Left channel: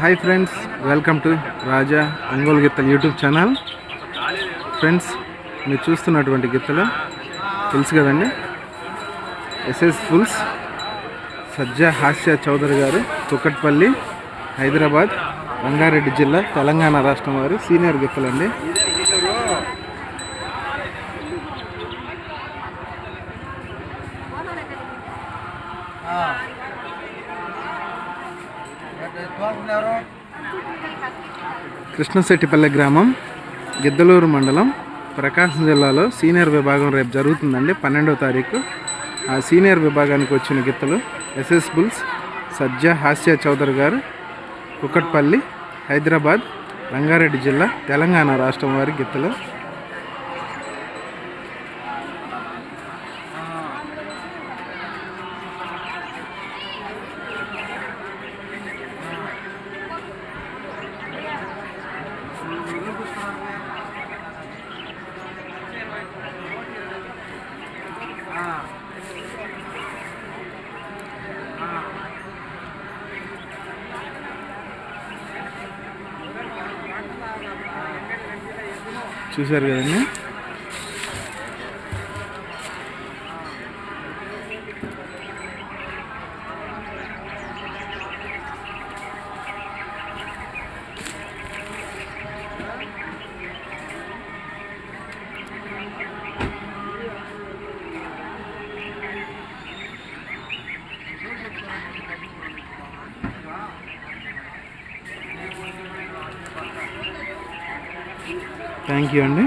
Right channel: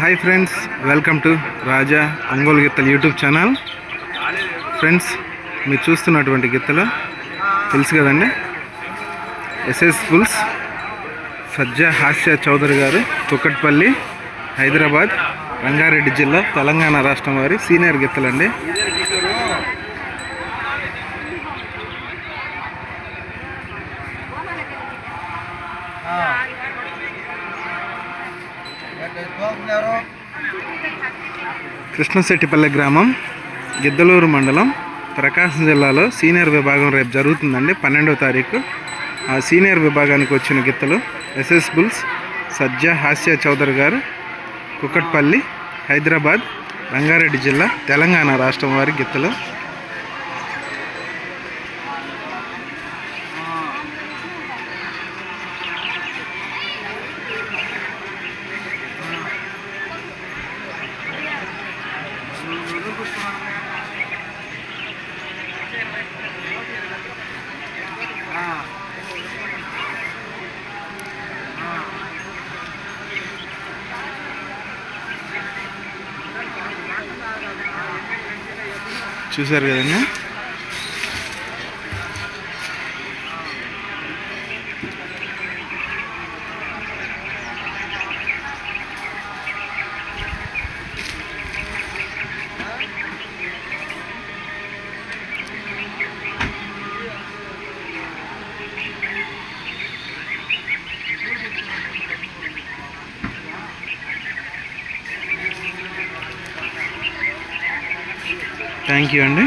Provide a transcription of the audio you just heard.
Hi friends welcome to Raja Ongole గిత్తలు YouTube channel. Friends మీరు చూస్తున్నటువంటి గిత్తలు తెలుసు కదండి? ఎస్ఎస్ ఫుల్స్ సజ్జా హాస్య చౌదరి గారు కుక్కట్పల్లి హైదరాబాద్ రంగారెడ్డి జిల్లా తెలంగాణ రాష్ట్రం వారి సీనియర్ గిత్తలండి. కృష్ణశెట్టిపల్లె గ్రామం గిద్దలూరు మండలం ప్రకాశం జిల్లాలో సీనియర్ విభాగం రేపు జరుగుతుందండి పన్నెండవ తారీఖు. ఆ సీనియర్ విభాగానికి వచ్చిన గిత్తలు ఎస్ఎస్ బుల్స్ సజ్జా హాస్య చౌదరి గారు కుక్కట్పల్లి హైదరాబాద్ రంగారెడ్డి జిల్లా తెలంగాణ రాష్ట్రం వారి గిత్తలు. చూశారు కదండి? థ్యాంక్ యూ అండి.